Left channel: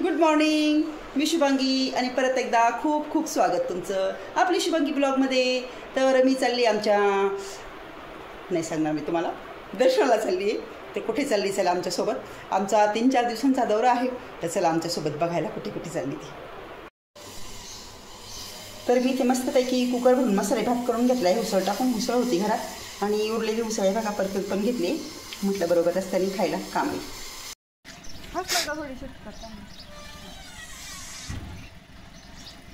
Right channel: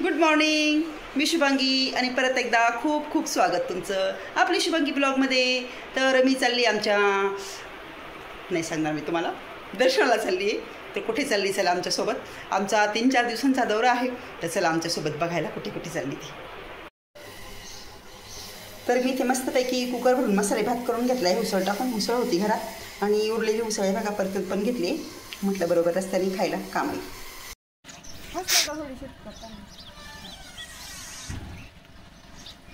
Good morning. मी शुभांगी आणि परत एकदा खूप खूप स्वागत तुमचं आपली शुभांगी ब्लॉगमध्ये. तर मी चालली आमच्या, नाही सांगणार मी तुम्हाला, दर्शनाला चालली आहे. तर कुठे चालली चला आमच्यासोबत. आमचा 3-4 दिवसांचा दौरा आहे, तर चला आमच्यासोबत बघायला कुठे कुठे चालली ती. तर मी इथे मस्तपैकी कुकर भरून मसाले भात करून घेतला आहे. उसळ टाकून, उसळ होती घरात आणि उरलेली उसळ आहे बघा परतून पण घेतली. म्हटलं बरोबर रस्त्याने खायला काम आहे.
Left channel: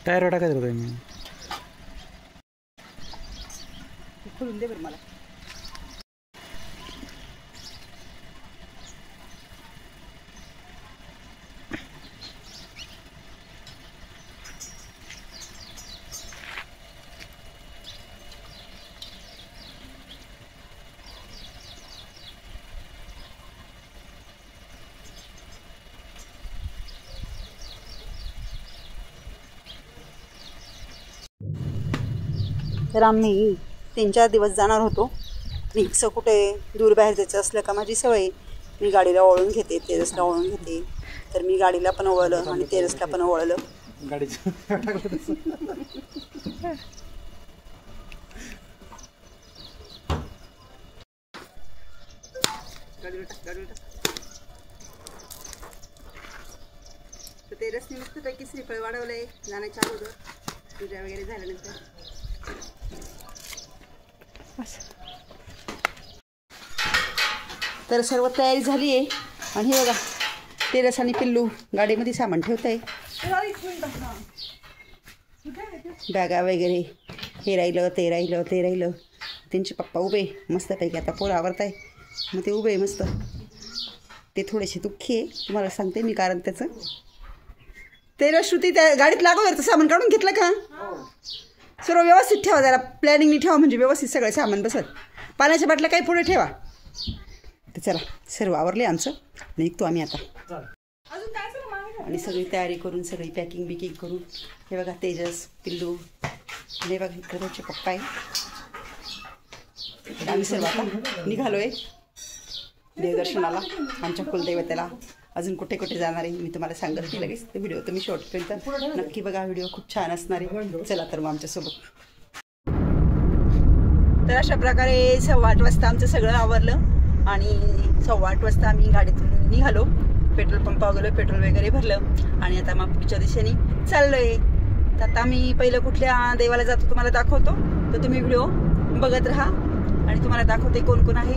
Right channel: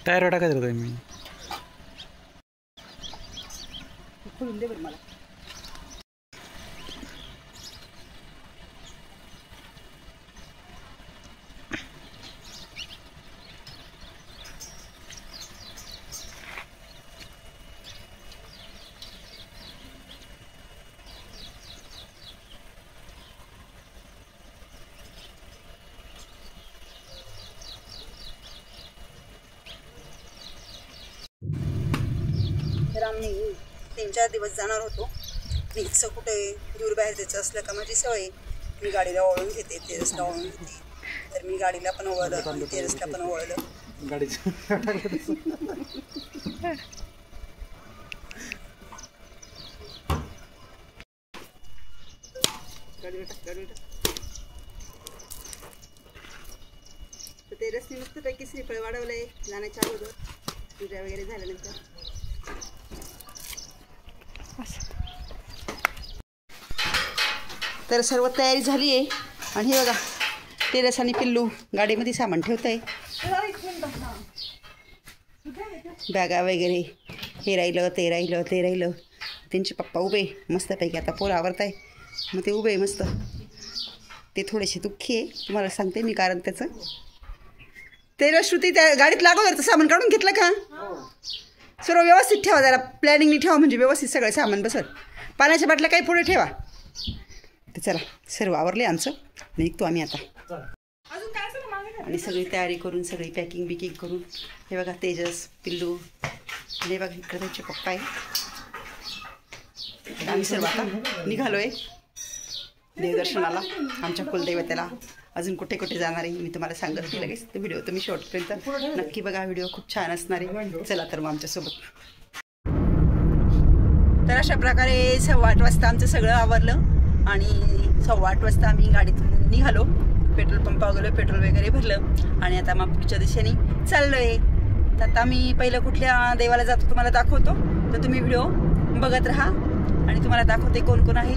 टायर टाकायचं होतं मी. खोलून दे बरं मला. तर आम्ही 3-4 दिवस जाणार होतो. इथचं कुठे दूर बाहेर जायचं असलं का माझी सवय, मी गाडीला ओळून घेते, तेजसला ओळून घेते. तर मी गाडीला पण ओळलं आणि तेजसला पण ओळलं. तर तेजसने मस्तपैकी श्रीफळ वाढवलंय जाण्याच्या अगोदर, पूजा वगैरे झाल्यानंतर. तर सर्व तयारी झाली आहे आणि हे बघा तेजस आणि पिल्लू गाडीमध्ये सामान ठेवत आहे. बॅगा वगैरे, हे राहिलं ते राहिलं ते राहिलं. त्यांचे पप्पा उभे मस्तपैकी, आता पोरं आवरत आहे मग ते उभे मस्त. ते थोडेसे दुःखी आहे, तुम्हाला सांगते मी कारण त्याचं. तेजस श्रुती त्या गाडीत लागलं तर सामान काढून घेतलं का? सर्व व्यवस्थित ठेवा, जरा प्लॅनिंगनी ठेवा म्हणजे व्यवस्थित सगळं सामान बसत. पाण्याच्या बाटल्या काही पुढे ठेवा. तर चला सर्व आवरले आमचं, निघतो आम्ही आता. आणि सगळी तयारी करून, सगळी पॅकिंग बिकिंग करून, हे बघा तेजस, पिल्लू आणि हे बघा इकडे त्यांचे पप्पा आहे. आम्ही सर्व आता निघालोय देवदर्शनाला, आमच्या कुलदैवताला. अजून कुठे कुठे जाणार आहे मी तुम्हाला सांगत नाही लगेच. तो व्हिडिओ तुम्ही शेवटपर्यंत नक्की बघा, व्हिडिओ खूप छान असणार आहे. चला तर मग आमच्यासोबत. तर अशा प्रकारे 8:15 वाजता आमचं सगळं आवरलं आणि 8:15 वाजता आम्ही गाडीतून निघालो. पेट्रोल पंपावर गेलो, पेट्रोल वगैरे भरलं आणि आता मग पुढच्या दिशेने चाललोय. तर आता आम्ही पहिलं कुठल्या देवाला जातो तुम्हाला दाखवतो, तर तुम्ही व्हिडिओ बघत राहा आणि तुम्हाला दाखवते कोण कोण आहे.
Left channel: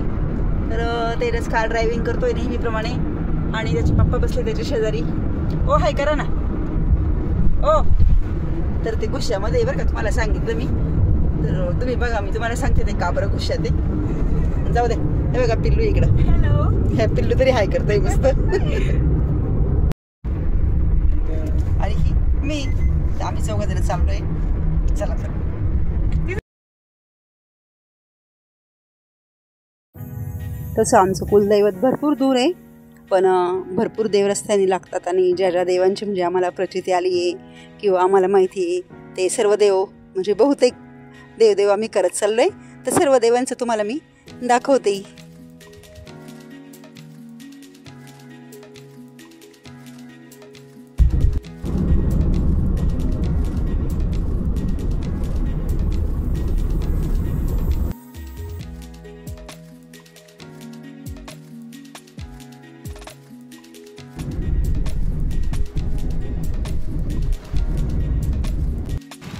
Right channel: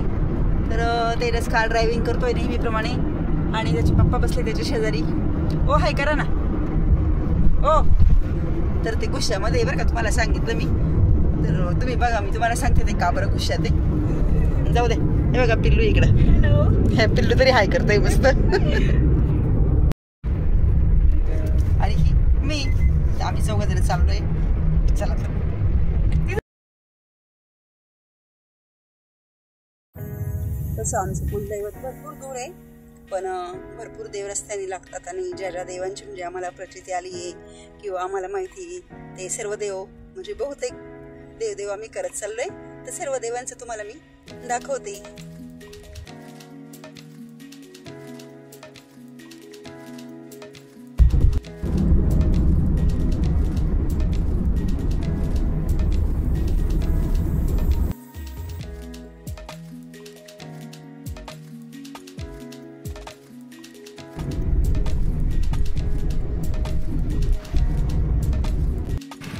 तर तेजस कार ड्रायव्हिंग करतोय नेहमीप्रमाणे आणि त्याचे पप्पा बसले त्याच्या शेजारी. ओ हाय करा ना. ओ तर ते गुस्सामध्ये बरं का, तुम्हाला सांगितलं मी. तर तुम्ही बघा, मी तुम्हाला सांगते ते का बरं गुस्सात आहे. जाऊ दे. हे बघा पिल्लू इकडं. हॅलो. हे पिल्लू तरी हाय करतोय मस्त. आणि ही मी, आम्ही चौघजण चाललोय. चला तर. तसं आमचं कुलदैवत भरपूर दूर आहे, पण भरपूर देव रस्त्याने लागतात आणि ज्या ज्या देवांची म्हणजे आम्हाला प्रचिती आली आहे किंवा आम्हाला माहिती आहे ते सर्व देव म्हणजे बहुतेक देवदेव आम्ही करत चाललोय. तर सर्व देवांचं तुम्हाला मी दाखवते.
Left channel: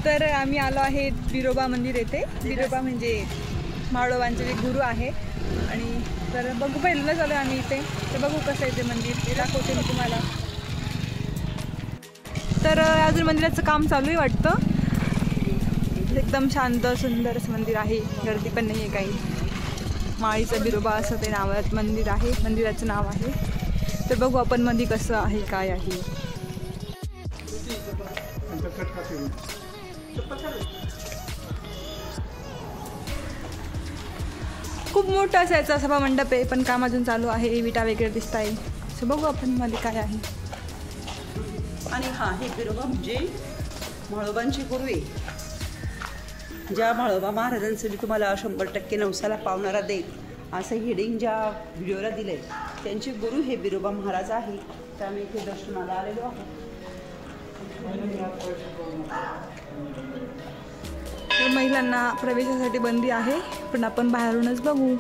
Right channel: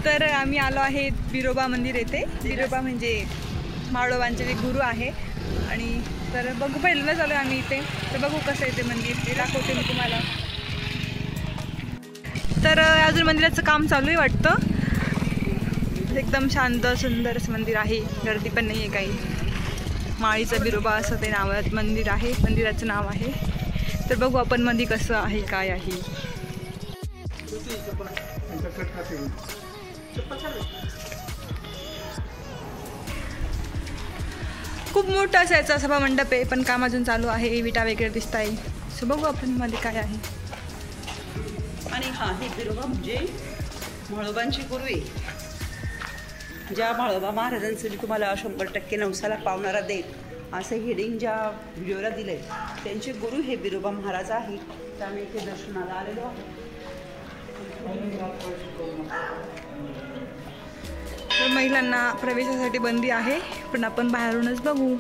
तर आम्ही आलो आहे बिरोबा मंदिर येथे. बिरोबा म्हणजे माळोबांचे जे गुरु आहे. आणि तर बघू, पहिल्यांदाच आलो आम्ही इथे. तर बघू कसं आहे ते मंदिर, ते दाखवते मी तुम्हाला. तर अजून मंदिराचं काम चालू आहे वाटतं. एकदम शांत सुंदर असं मंदिर आहे, गर्दी पण नाही आहे काही. माळीचं बिरोबा असं ते नावात मंदिर आहे, मंदिराचं नाव आहे. तर बघू आपण मध्ये कसं आहे काय आहे. खूप मोठं असायचं सभा मंडप आहे, पण काम अजून चालू आहे. विटा वगैरे दिसत आहे. सो बघू आपण मध्ये काय आहे. आणि हा हे बिरोबा म्हणजे म्हाळोबांची गुरु आहे. ज्या म्हाळोबा महाराजांचं तुम्हाला 100% नवसाला पावणारा देत असं हेडिंग ज्या व्हिडिओला दिलंय त्यांचे गुरु हे बिरोबा महाराज आहे. तर आम्ही इथे दर्शनाला आलेलो आहोत. तर महिलांना प्रवेशासाठी बंदी आहे, पण आपण बाहेरूनच बघू.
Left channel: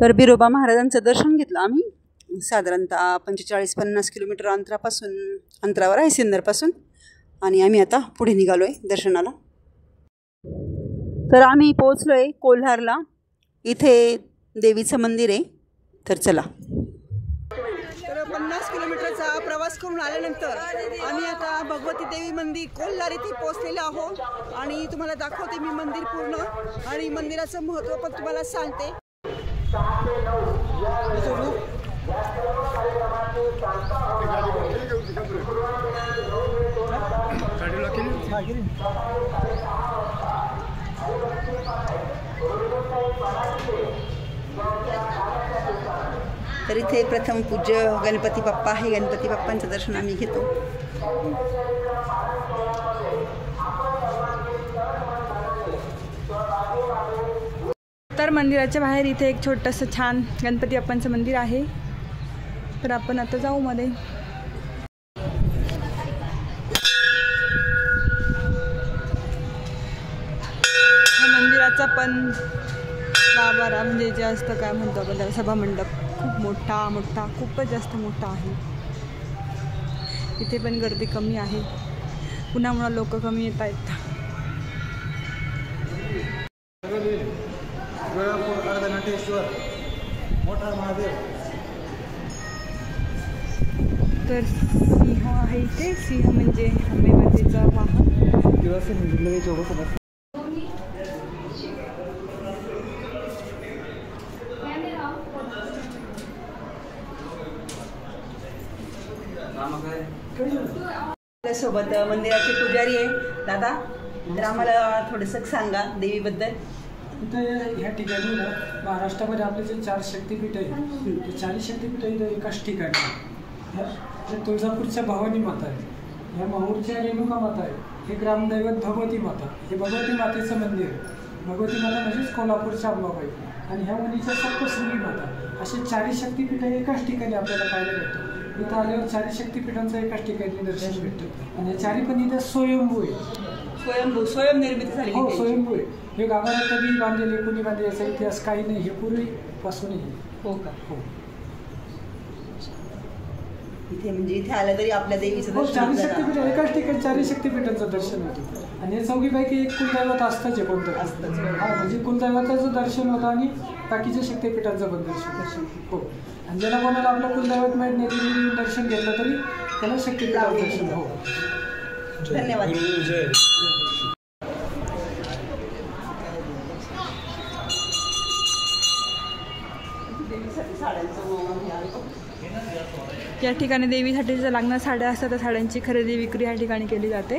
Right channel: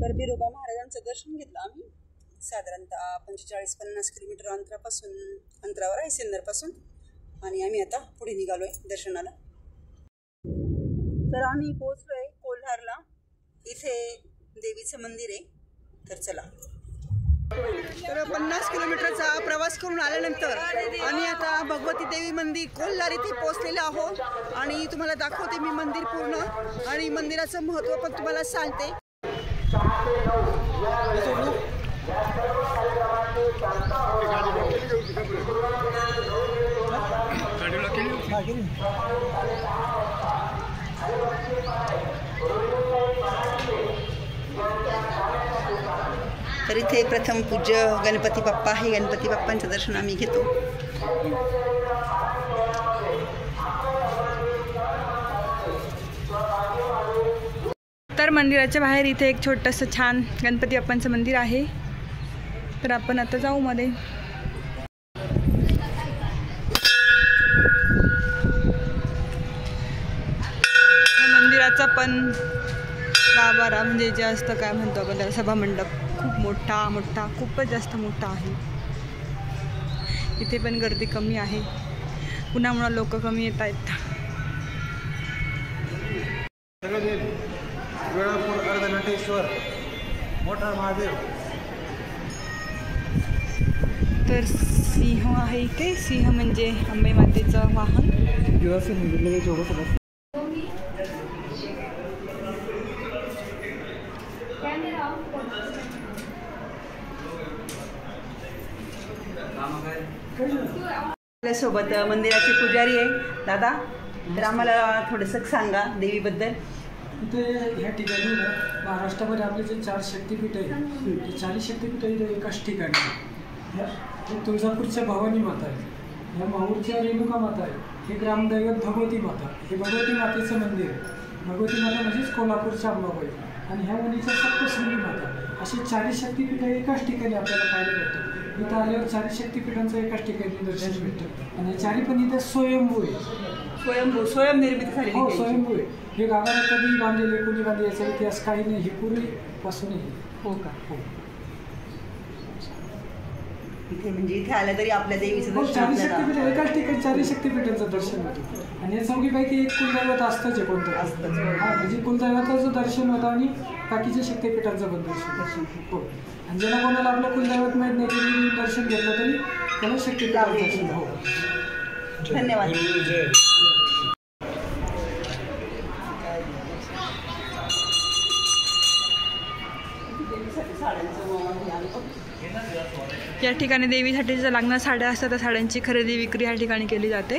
तर बिरोबा महाराजांचं दर्शन घेतलं आम्ही. साधारणतः 45-50 किलोमीटर अंतरावर आहे सिन्नरपासून. आणि आम्ही आता पुढे निघालो आहे दर्शनाला. तर आम्ही पोहोचलो आहे कोल्हारला. इथे देवीचं मंदिर आहे. तर चला. तर 50 किलोमीटरचा प्रवास करून आल्यानंतर आम्ही आता भगवती देवी मंदिर कोल्हार इथे पोहोचलेलो आहोत. आणि तुम्हाला दाखवते मी मंदिर पूर्ण आणि मंदिराचं महत्त्व पण तुम्हाला सांगते. तर इथे प्रथम पूज्य गणपती बाप्पा आहे. गणपती बाप्पांचं दर्शन आम्ही घेतो. तर मंदिराच्या बाहेर इथे एक छोटंसं छान गणपती बाप्पांचं मंदिर आहे. तर आपण आता जाऊ मध्ये. मंदिराचा पण गाभारा म्हणजे जे असतं काय म्हणतो आपण त्याला सभामंडप खूप मोठा खूपच जास्त मोठा आहे. इथे पण गर्दी कमी आहे. पुण्यामुळे लोक कमी येत आहेत. तर सिंह आहे इथे. सिंह म्हणजे अंबे मातेचं वाहन. सोबत मंदिराचे पुजारी आहे दादा. तर आम्हाला थोडंसं सांगा देवीबद्दल. इथे ह्या ठिकाणी ना महाराष्ट्रामध्ये आपले जे 4 शक्तिपीठ आहे ते 4 शक्तिपीठ इथे एकाच ठिकाणी. ह्या तुळजापूरच्या भवानी माता आहे. ह्या माहूरच्या रेणुका माता आहे. हे ग्रामदैवत भगवती माता. हे भगवती मातेचं मंदिर आहे. भगवती माता म्हणजेच कोल्हापूरच्या अंबाबाई. आणि ह्या उंदीच्या सप्तशृंगी माता. असे 4 शक्तिपीठ एकाच ठिकाणी आपल्याला पाहायला भेटतं. इथं आल्यावर 4 शक्तिपीठांचं एकाच ठिकाणी दर्शन भेटतं. आणि 4 पण इथं स्वयंभू आहे. स्वयंनिर्मिती झाली. हो, स्वयंभू आहे. हे गाभारा कधी बांधलेले कोणी बांधले याचा इतिहास काही नाही. हे पूर्वीपासूनही. हो का? हो. इथे म्हणजे इथे आलं तरी आपल्या देवीचं हो, 4 दर्शन शक्तिपीठ एकाच ठिकाणी 4 शक्तिपीठांचं दर्शन होतं. आणि या चौघीपैकी एक कुलदैवत असतंच आहे कोणतं असतं. हा, म्हणजे कुलदैवताचं दर्शन होतं आणि बाकीच्या शक्तिपीठांचं पण दर्शन. हो. आणि ज्याला कोणाला आपलं कुलदैवत माहीत नाही तरी दर्शन घेतलं तरी त्याला शक्तिपीठाचं दर्शन. हो, धन्यवाद. या ठिकाणी देवीसाठी ज्या लागणाऱ्या साड्या असतात त्या साड्यांची खरेदी विक्री या ठिकाणी केली जाते.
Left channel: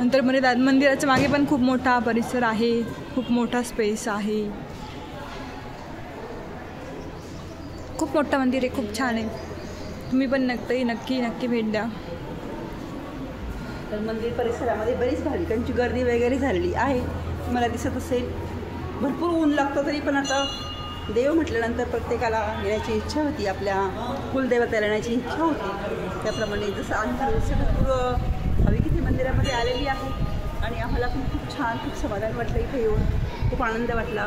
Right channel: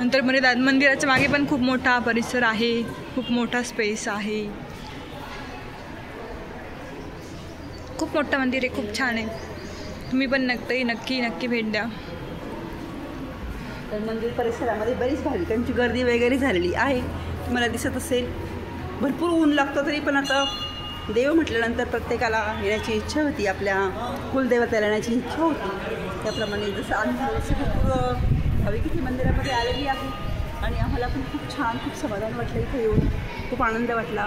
नंतर मंदिराच्या मागे पण खूप मोठा परिसर आहे. खूप मोठा स्पेस आहे. खूप मोठं मंदिर आहे. खूप छान आहे. तुम्ही पण नक्की भेट द्या. तर मंदिर परिसरामध्ये बरीच भाविकांची गर्दी वगैरे झालेली आहे. तुम्हाला दिसत असेल भरपूर ऊन लागतं तरी पण आता देव म्हटल्यानंतर प्रत्येकाला येण्याची इच्छा होती, आपल्या कुलदेवतेला येण्याची इच्छा होती. त्याप्रमाणे जसं आम्ही हवेकिती मंदिरामध्ये आलेली आहे आणि आम्हाला पण खूप छान, खूप समाधान वाटलं इथे येऊन, खूप आनंद वाटला.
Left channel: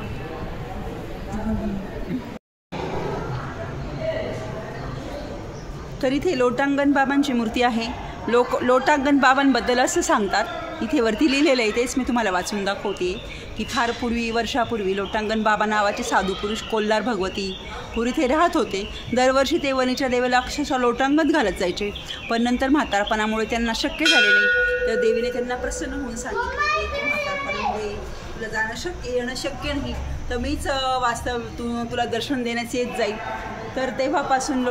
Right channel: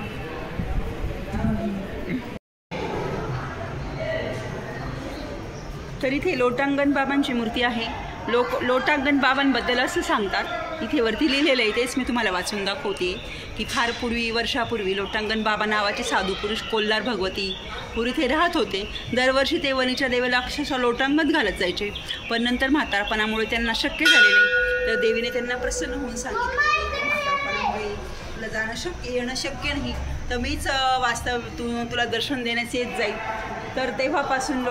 तर इथे लोटांगण बाबांची मूर्ती आहे. लोटांगण बाबांबद्दल असं सांगतात, इथे वरती लिहिलेलं आहे, तेच मी तुम्हाला वाचून दाखवते की फार पूर्वी, वर्षापूर्वी लोटांगण बाबा नावाचे साधू पुरुष कोल्हार भगवती पूर्वी इथे राहत होते. दरवर्षी ते वणीच्या देवाला अक्षरशः लोटांगण घालत जायचे, पण नंतर म्हातारपणामुळे त्यांना शक्य झाले नाही. तर देवीने त्यांना प्रसन्न होऊन सांगितलं, म्हातारपणामुळे तुला येणं शक्य नाही, तर मीच वास्तव तुला दर्शन देण्यास येत जाईल. तर तेव्हापासून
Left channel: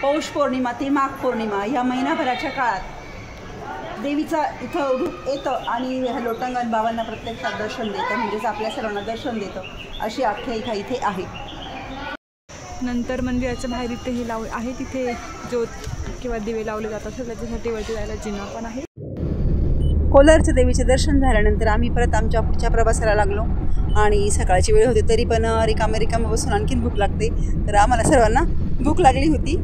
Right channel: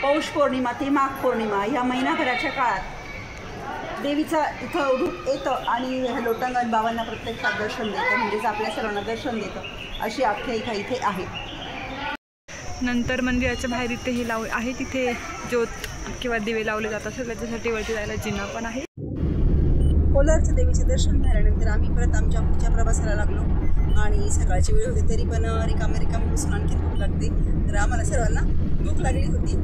पौष पौर्णिमा ते माघ पौर्णिमा या महिनाभराच्या काळात देवीचा इथं रूप येतं आणि लोटांगण बाबांना प्रत्यक्षात दर्शन देतं, म्हणजेच आपल्या सर्वांना दर्शन देतं, अशी आख्यायिका इथे आहे. नंतर मंदिराच्या बाहेर इथे हे आहे, तिथे ज्योत किंवा दिवे लावले जातात, त्याच्यासाठी वरती जायला जिना पण आहे. कोलारच्या देवीचे दर्शन झाल्यानंतर आम्ही परत आमच्या पुढच्या प्रवासाला लागलो आणि सकाळची वेळ होती, तरी पण रिकामे बसून आणखीन भूक लागते. तर आम्हाला सर्वांना भूक लागली होती.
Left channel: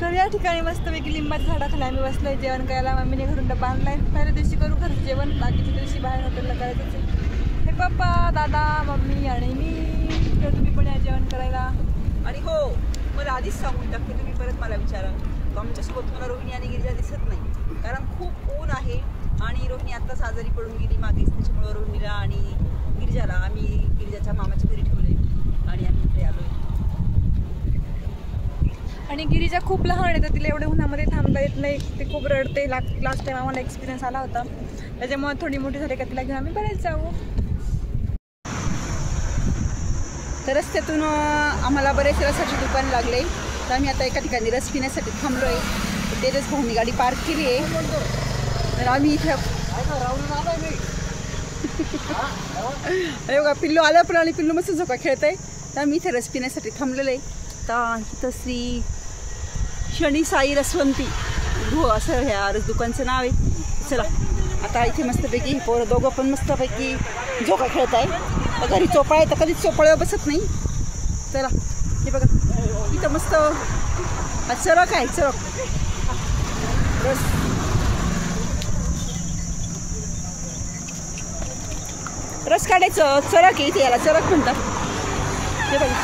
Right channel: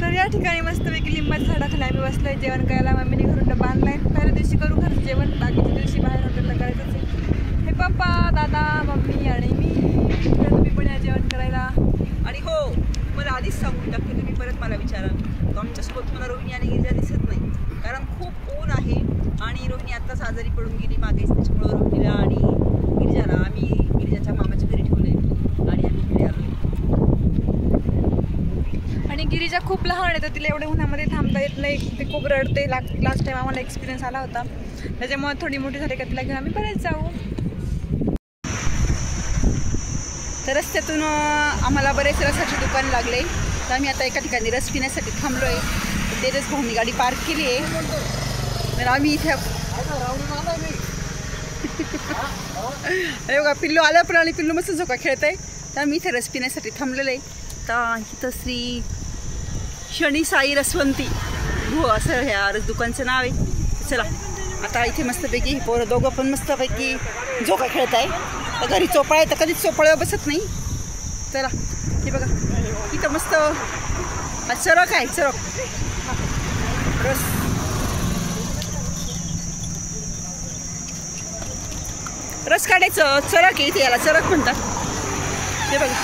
तर या ठिकाणी मस्तपैकी लिंबाच्या झाडाखाली आम्ही बसलोय जेवण करायला. मम्मीने घरून डबा आणलाय. पहिल्या दिवशी करू घरचं जेवण, बाकीच्या दिवशी बाहेर हॉटेलला करायचं. हे पप्पा, दादा, मम्मी आणि मी. तर तुम्ही पण या जेवण करायला. आणि हो, मला आधीच सांगून टाकते, तुम्ही परत मला विचारा, आमच्यासोबत मला रोहिणी आणि गिरिजा दिसत नाही, कारण खूप ऊन आहे आणि रोहिणी आत्ताच आजारी पडून गेली मागेच. त्याच्यामुळं रोहिणीला आणि गिरिजाला आम्ही गिरिजाच्या मामाच्या घरी ठेवले आणि आम्ही इकडे आलो. आणि गिरिजा खूप लहान आहे, तर तिला एवढ्या उन्हामध्ये थांबता येत नाही, ते खूप रडते. लास्ट टाइम आम्हाला एक्सपिरियन्स आला होता, त्याच्यामुळे थोडी मोठी झाली का तिला घेऊन आम्ही बरेच जाऊ. तर रस्त्यातून आम्हाला बरेच रसाचे दुकान लागले, तर आम्ही आता एका ठिकाणी रस पिण्यासाठी थांबलो आहे. तेच भाऊनी गाडी पार्क केली आहे. तर आम्ही इथे अरे बघा, पिल्लू आलं पण आणि पिल्लू मस्त झोका खेळत आहे. तर आम्ही इथे रस पिण्यासाठी थांबलेलं आहे. तर इथं श्री शनी साई रसवंती गृह असं ह्या दुकानचं नाव आहे. चला आता इथे मस्तपैकी पोरं दोघं पण मस्तपैकी झोका खेळत आहे. तर घरी चोपाळ आहे, तर कधीच चोपाळ्यावर बसत नाही. चला हे बघा, इथं मस्त चरक आहे, चरक रस काढायचं चरक आहे इथे, याला चरक म्हणतात. हे बघा,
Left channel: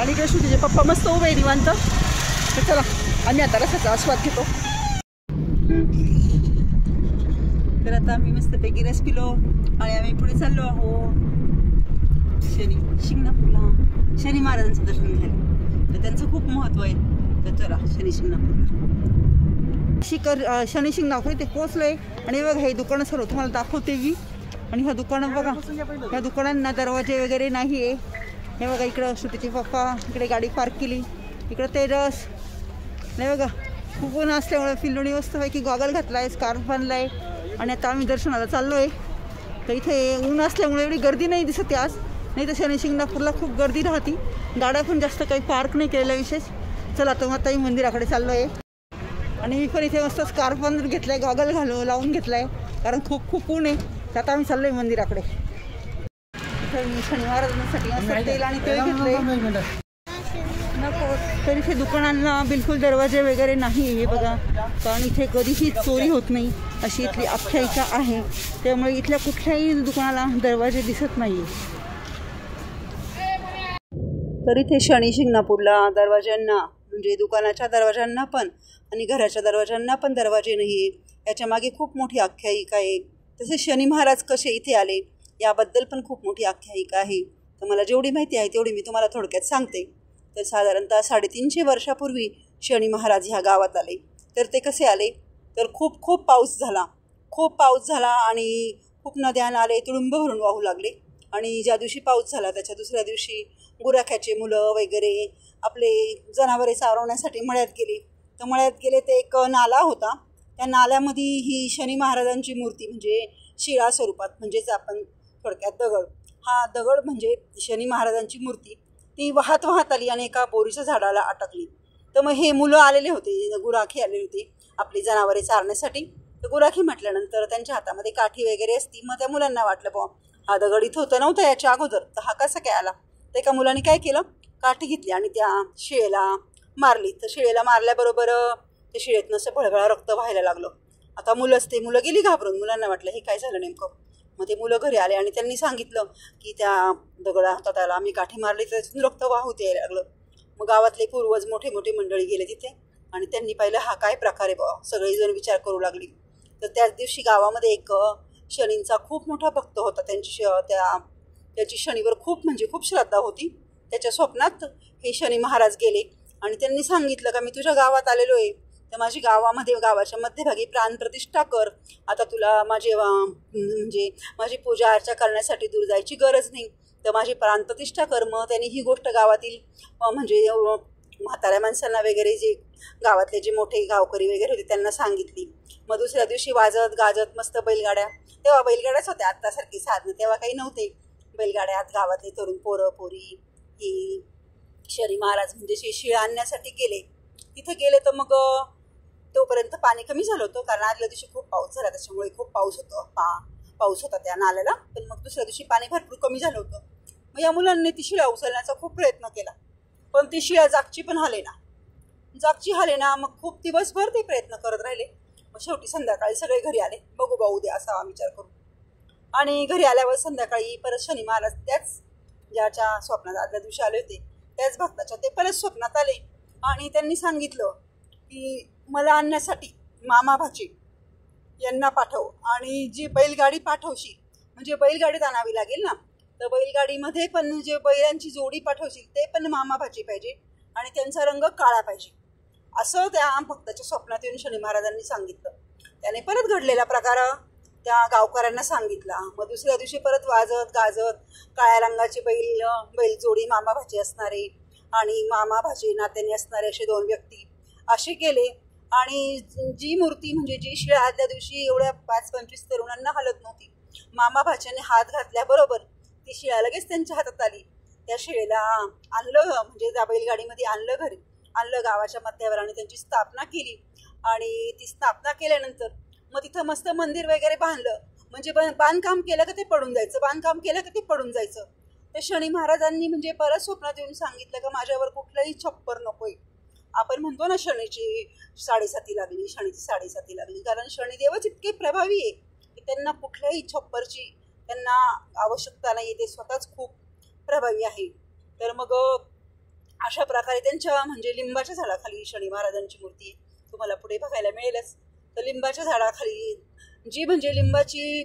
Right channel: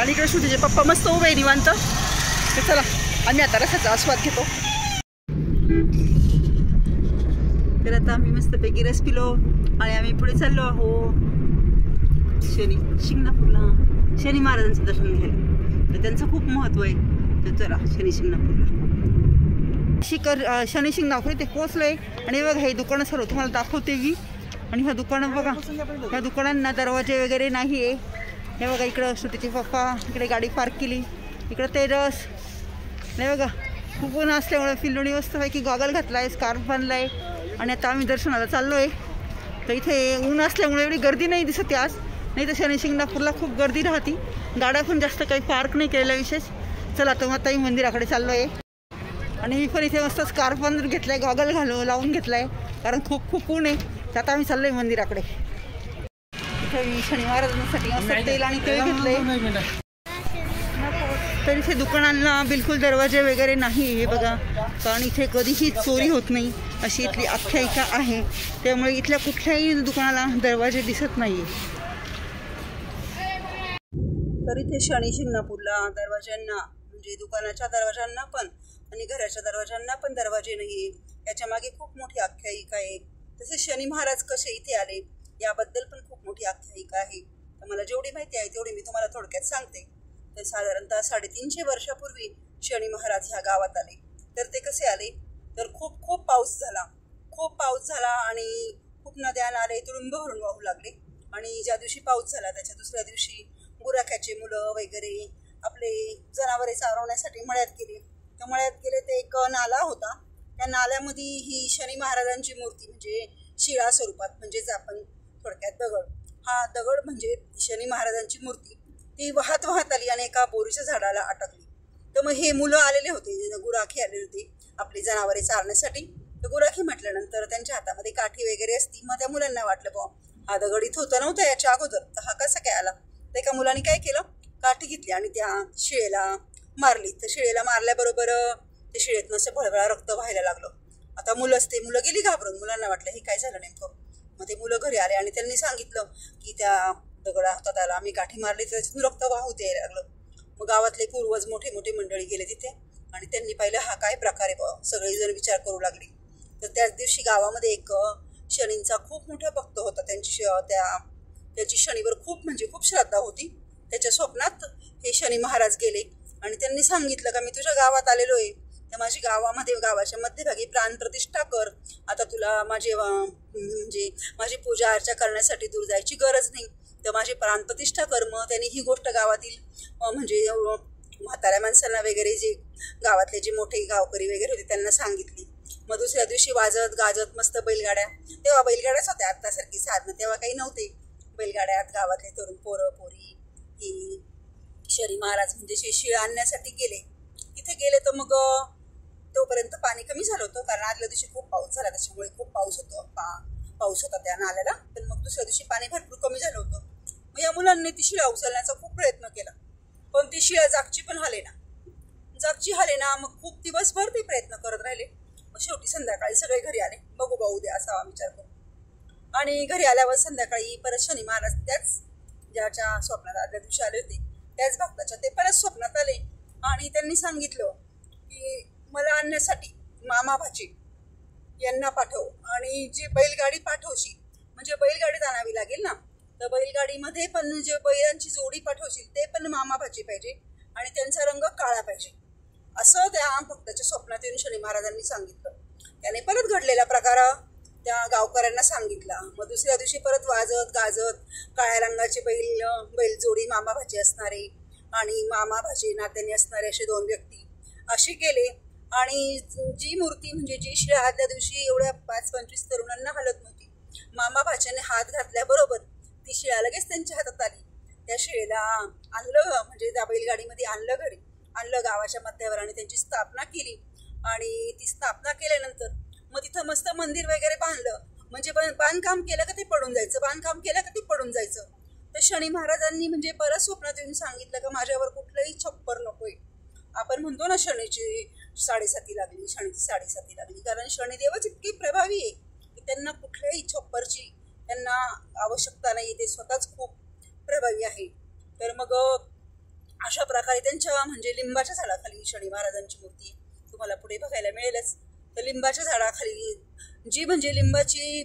आणि इकडे श्रुतीचे पप्पा मस्त उभे आहे निवांत. तर चला आम्ही आता रसाचा आस्वाद घेतो. तर आता आम्ही मस्तपैकी रस पिलो आणि आम्ही पुढे चाललो आहो शनी शिंगणापूरला. शनी महाराजांचं दर्शन घ्यायला, तर त्यांचं खूप महत्त्व आहे. तर चला शनी शिंगणापूरला शनी शिंगणापूर इथे पोहोचलोय. आणि बघा हे दुकानं सर्व तुम्हाला दाखवते मी. आणि ह्या दुकानं बघा, ह्या दुकानांना दरवाजे वगैरे नाही आहे. हे बघा, इकडं श्रुतीचे पप्पा इकडे गाडी पार्क केली, इकडं ते रस. नाही बघा, खूप ऊन असल्यामुळे पिल्लूनी मस्तपैकी गॉगल घातला आहे, स्कार्फ बांधला आहे. आणि आता आम्ही दर्शनाला चाललो आहे. तर इथे ऊन असल्यामुळे एवढी गर्दी नाही दिसत आज, नाही तर शनी शिंगणापूरला खूप गर्दी राहते. गाड्या पण जास्त काही पार्क नाही केलेल्या विशेष. चला तर मग आताही मंदिराकडे चाललो आहे. आणि मी पण इथे मस्त स्कार्फ बांधून घेतला आहे, गॉगल लावून घेतला आहे, कारण खूप ऊन आहे. तर आता आम्ही चाललो आहे मंदिराकडे. इथे मी शनी महाराजांसाठी मस्त तेल आणि तेल घेतलंय. तर इथे दुकानांना बिलकुल दरवाजे वगैरे नाही. हे बघा, कारण इथे कधीही चोरी होत नाही अशी इथली आख्यायिका आहे. त्यामुळे इथल्या कुठल्याही दुकानाला दरवाजे दिसत नाही. तर इथे शनी शिंगणापूरला दरवाज्यांना, म्हणजे दुकानाच्या दरवाज्यांना पण आणि घराच्या दरवाज्यांना पण दरवाजे नाही. याच्या मागे खूप मोठी आख्यायिका आहे. तसे शनी महाराज कसे इथे आले याबद्दल पण खूप मोठी आख्यायिका आहे. तर मला जेवढी माहिती आहे तेवढी मी तुम्हाला थोडक्यात सांगते. तर साधारणतः 350 वर्षापूर्वी शनी महाराज ह्या गावात आले. तर ते कसे आले, तर खूप पाऊस झाला आणि खूप नद्या नाले तुडुंब भरून वाहू लागले. आणि ज्या दिवशी पाऊस झाला त्याच्या दुसऱ्या दिवशी गुराख्याचे मुलं वगैरे आपले जनावरे चारवण्यासाठी मळ्यात गेले. तर मळ्यात गेले ते एक नाला होता. त्या नाल्यामध्ये ही शनी महाराजांची मूर्ती, म्हणजे शिळा स्वरूपात, म्हणजेच आपण थोडक्यात दगड, हा दगड म्हणजे शनी महाराजांची मूर्ती, ती वाहत आली आणि एका बोरीच्या झाडाला अटकली. तर मग हे मुलं आलेले होते, गुराखे आलेले होते आपली जनावरे चारण्यासाठी. तर गुराखी म्हटल्यानंतर त्यांच्या हातामध्ये काठी वगैरे असती. मग त्या मुलांना वाटलं बुवा हा दगड इथं होतं नव्हतं याच्या अगोदर, तर हा कसा काय आला. तर एका मुलाने काय केलं, काठी घेतली आणि त्या शिळेला मारली. तर शिळेला मारल्याबरोबर ते शिळेतनं असं भळभळा रक्त व्हायला लागलं. आता मुलं गेली घाबरून. मुलांना वाटलं हे काय झालं नेमकं. मग ते मुलं घरी आले आणि त्यांनी सांगितलं की त्या दगडा होता त्याला आम्ही काठी मारली तर त्याच्यातून रक्त वाहूत यायला लागलं. मग गावातले पूर्वज मोठे मोठे मंडळी गेले तिथे आणि त्यांनी पाहिलं हा काय प्रकार आहे बाबा. सगळेजण विचार करू लागली. तर त्याच दिवशी गावामध्ये एक शनींचा खूप मोठा भक्त होता. त्याची शनीवर खूप श्रद्धा होती. त्याच्या स्वप्नात हे शनी महाराज गेले आणि त्यांनी सांगितलं का मी तुझ्या गावात आलेलो आहे, तर माझी गावाच्या मध्यभागी प्राणप्रतिष्ठा कर. आता तुला माझी पूजा अर्चा करण्यासाठी दूर जायची गरज नाही, तर माझी प्राणप्रतिष्ठा कर. मग त्यांनी ही गोष्ट गावातील म्हाताऱ्या माणसांना वगैरे जे गावातले जे मोठे गावकरी वगैरे होते त्यांना सांगितली. मग दुसऱ्या दिवशी वाजत गाजत मस्त बैलगाड्या, तेव्हा बैलगाड्याच होत्या, आत्तासारखी साधनं तेव्हा काही नव्हते. बैलगाड्यात गावातले तरुण पोरं पोरी ही शनी महाराज शिळ आणण्यासाठी गेले. तिथे गेले तर मग तोपर्यंत पाणी कमी झालं होतं, कारण आदल्या दिवशी खूप पाऊस झाला, त्याच्यामुळे खूप पाऊस होता त्या नाल्याला. पण मग दुसऱ्या दिवशी पाणी भरपूर कमी झालं होतं. मग या मुलांनी ती शिळा उचलण्याचा खूप प्रयत्न केला, पण ती शिळा जागची हालेना. मग खूप दिवसभर ते प्रयत्न करत राहिले. मग शेवटी संध्याकाळी सगळे घरी आले. बघू बा उद्या असा विचार करू. आणि घरी आल्यावर संध्याकाळी परत शनी महाराज त्याच ज्याच्या स्वप्नात आदल्या दिवशी आले होते त्याच भक्ताच्या ते परत स्वप्नात आले आणि त्यांनी सांगितलं की मला आणण्यासाठी मामा भाची यांना पाठव आणि जी बैलगाडी पाठवशी म्हणजे बैलगाडीत आणावी लागेल ना, तर बैलगाडीमध्ये पण जे बैलांची जोडी पाठवशील ते पण मामा भाची पाहिजे आणि त्यांचा रंग काळा पाहिजे, असं त्या भक्ताच्या स्वप्नात येऊन शनी महाराजांनी सांगितलं. त्याने परत घडलेला प्रकार त्या गावकऱ्यांना सांगितला. मग दुसऱ्या दिवशी परत वाजत गाजत काळ्या रंगाचे बैल जोडी मामा भाची असणारे आणि मामा भाची नात्याने असणारे असे 2 व्यक्ती असे केले. आणि जी मूर्ती जी शिळा आदल्या दिवशी एवढ्या 5-25 तरुणांना हलत नव्हती, मामा भाच्याने हात घातल्याबरोबर ती शिळा लगेच त्यांच्या हातात आली. त्या शिळेला आणलं त्या बैलगाडीमध्ये आणलं गावाच्या मध्यावर आणि त्यांची स्थापना केली. आणि ती स्थापना केल्यानंतर मग तिथं मस्त मंदिर वगैरे बांधलं. बांधकाम केलं का ते पडून जायचं. तर शनी महाराजांनी परत स्वप्नात येऊन सांगितलं का माझ्यावर कुठलंही छप्पर नकोय. आपण म्हणतो ना शनीची साडेसाती लागली, कारण शनिदेवच इतके प्रभावी आहे की त्यांना कुठल्याही छप्परची त्यांना आवश्यकता नाही, ते स्वतःच खूप प्रभावी आहे. तर मग अशा प्रकारे त्यांच्या लिंबाच्या झाडाखाली शनी महाराजांची मूर्ती तुम्हाला पुढे बघायला मिळेलच. तर लिंबाच्या झाडाखाली जी लिंबाची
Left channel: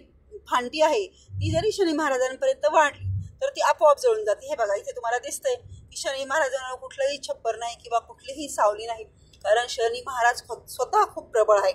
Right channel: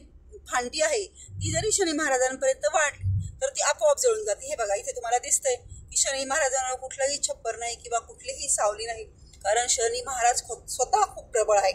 फांटी आहे ती जरी शनी महाराजांपर्यंत वाढली तर ती आपोआप जळून जाते. हे बघा इथे तुम्हाला दिसतंय की शनी महाराजांना कुठलंही छप्पर नाही किंवा कुठलीही सावली नाही, कारण शनी महाराज स्वतः खूप प्रबळ आहे.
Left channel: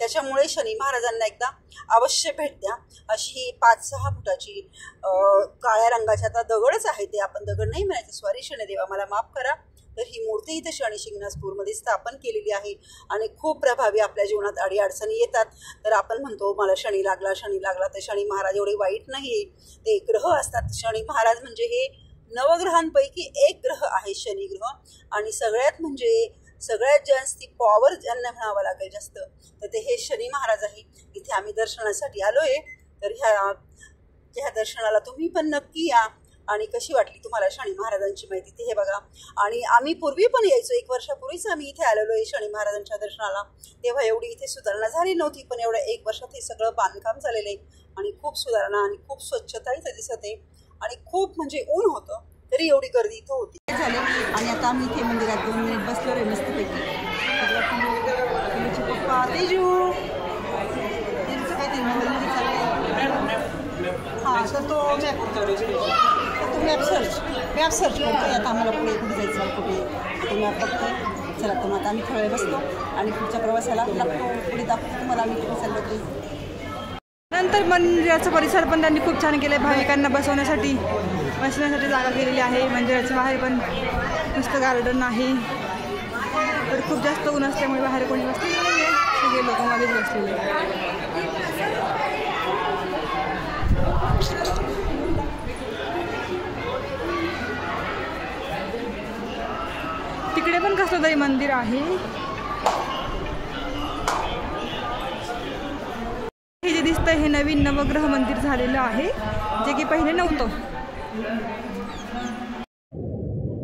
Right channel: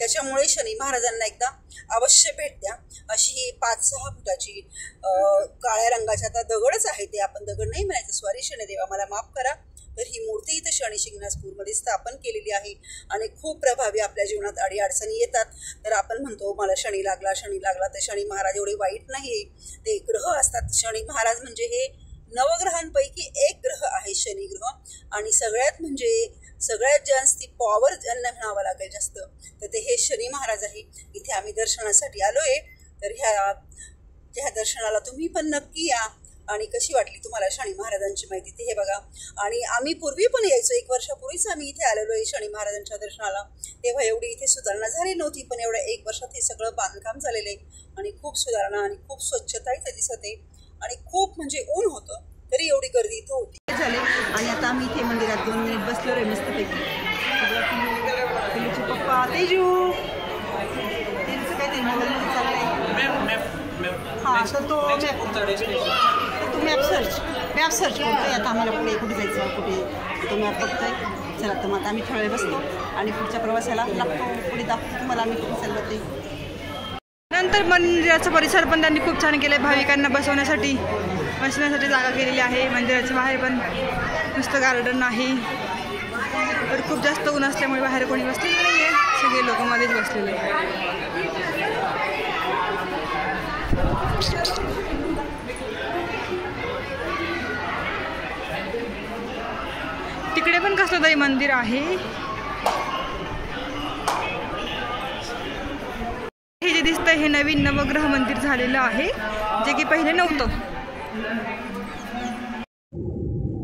त्याच्यामुळे शनी महाराजांना एकदा अवश्य भेट द्या. अशी 5-6 फुटाची काळ्या रंगाच्या आता दगडच आहे, ते आपण दगड नाही म्हणायचं, सॉरी शनिदेवा मला माफ करा. तर ही मूर्ती इथे शनी शिंगणापूरमध्ये स्थापन केलेली आहे आणि खूप प्रभावी आपल्या जीवनात अडीअडचणी येतात. तर आपण म्हणतो मला शनी लागला, तर शनी महाराज एवढे वाईट नाही आहे, ते ग्रह असतात. शनी महाराज हे नवग्रहांपैकी एक ग्रह आहे शनी ग्रह. आणि सगळ्यात जास्त पॉवर ज्यांना म्हणावं लागेल जास्त तर ते हे शनी महाराज आहे. इथे आम्ही दर्शनासाठी आलोय, तर ह्या दर्शनाला तुम्ही पण नक्की या. आणि कशी वाटली तुम्हाला शनी महाराजांची माहिती ते हे बघा. आणि आम्ही पूर्वी पण यायचो, 1 वर्षापूर्वीच आम्ही इथे आलेलो आहे शनी महाराजांच्या दर्शनाला. तेव्हा एवढी इथे सुधारणा झाली नव्हती, पण एवढ्या 1 वर्षात हे सगळं बांधकाम झालेलं आहे आणि खूप सुधारणा आणि खूप स्वच्छता इथे दिसत आहे. आणि खूप ऊन होतं तरी एवढी गर्दी इथं होती झाले. आणि आता आम्ही इथे मंदिरात 2 मिनिट बसलो रे मस्तपैकी. पप्पा तेजू तो मॅप सर्च करतोय. आता आम्हाला पुढे कुठे जायचं तो मॅप बघतोय. चला तर मग आता आम्ही थोडा वेळ बसतो आणि पुढच्या प्रवासाला लागतो. पुढे दाखवतो तुम्हाला आम्ही कुठे चाललो ते. नंतर मंदिराचा परिसर पण त्यांनी खूप छान केलं आहे. भाविकांना बसण्यासाठी जागा केलेली आहे. मंदिराच्या बाहेर पण मस्त गार्डन आहे. तर खूप जास्त ऊन असल्यामुळे बाहेर कोणी बसलेलं नाही आहे, सगळे लोक मध्येच बसलेले आहे. तिकडे पण कसलं तरी मंदिर आहे. दिसतंय हे नवीन नवग्रह मंदिर झालेलं आहे, जे की पहिले नव्हतं.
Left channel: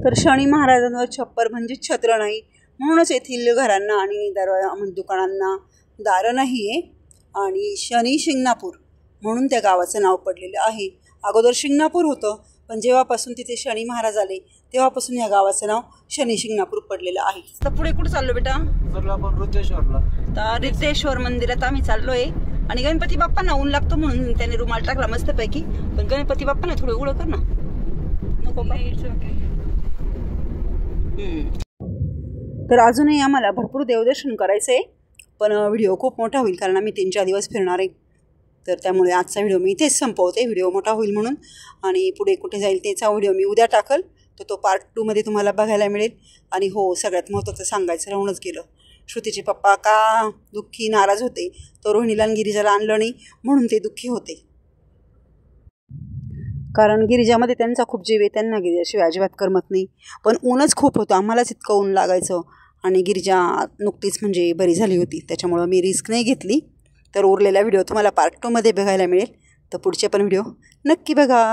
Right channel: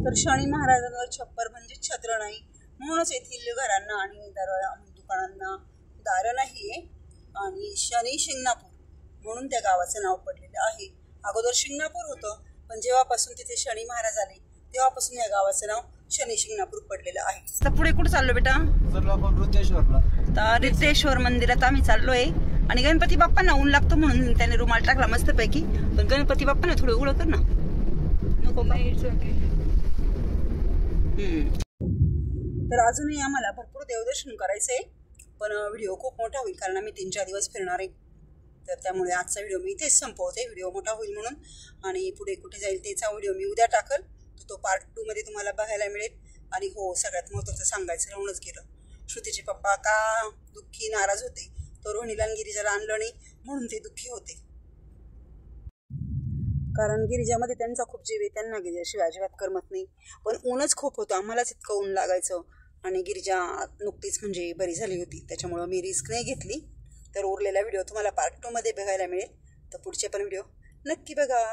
तर शनी महाराजांवर छप्पर म्हणजे छत्र नाही, म्हणूनच येथील घरांना आणि दुकानांना दारं नाही आहे. आणि शनी शिंगणापूर म्हणून त्या गावाचं नाव पडलेलं आहे. अगोदर शिंगणापूर होतं, पण जेव्हापासून तिथे शनी महाराज आले तेव्हापासून या गावाचं नाव शनी शिंगणापूर पडलेलं आहे. तर पुढे कुठं चाललो बेटा? आपण रिद्धेश्वरला. तर रिद्धेश्वर मंदिरात आम्ही चाललोय. आणि गणपती बाप्पांना ऊन लागतं म्हणून त्याने रुमाल टाकला मस्तपैकी. पण गणपती बाप्पांना थोडं उघडं कर ना. नको का? तर अजूनही आम्हाला भरपूर देवदर्शन करायचं आहे, पण व्हिडिओ खूप मोठा होईल कारण आम्ही 3-4 दिवस फिरणार आहे. तर त्यामुळे आजचा व्हिडिओ मी इथेच संपवते, व्हिडिओ मोठा होईल म्हणून. आणि पुढे कुठे जाईल त्याचा व्हिडिओ मी उद्या टाकल, तर तो पार्ट 2 मध्ये तुम्हाला बघायला मिळेल. आणि हो, सगळ्यात महत्त्वाचं सांगायचं राहूनच गेलं, श्रुतीचे पप्पा का दुःखी नाराज होते, तर रोहिणीला आणि गिरिजाला आणलं नाही म्हणून ते दुःखी होते. कारण गिरिजामध्ये त्यांचा खूप जीव आहे, त्यांना गिरिजाशिवाय अजिबात करमत नाही. पण ऊनच खूप होतं, आम्हालाच इतकं ऊन लागायचं. आणि गिरिजा नुकतीच म्हणजे बरी झाली होती, त्याच्यामुळं मी रिस्क नाही घेतली. तर उरलेला व्हिडिओ तुम्हाला पार्ट 2 मध्ये बघायला मिळेल. तर पुढचे पण व्हिडिओ नक्की बघा.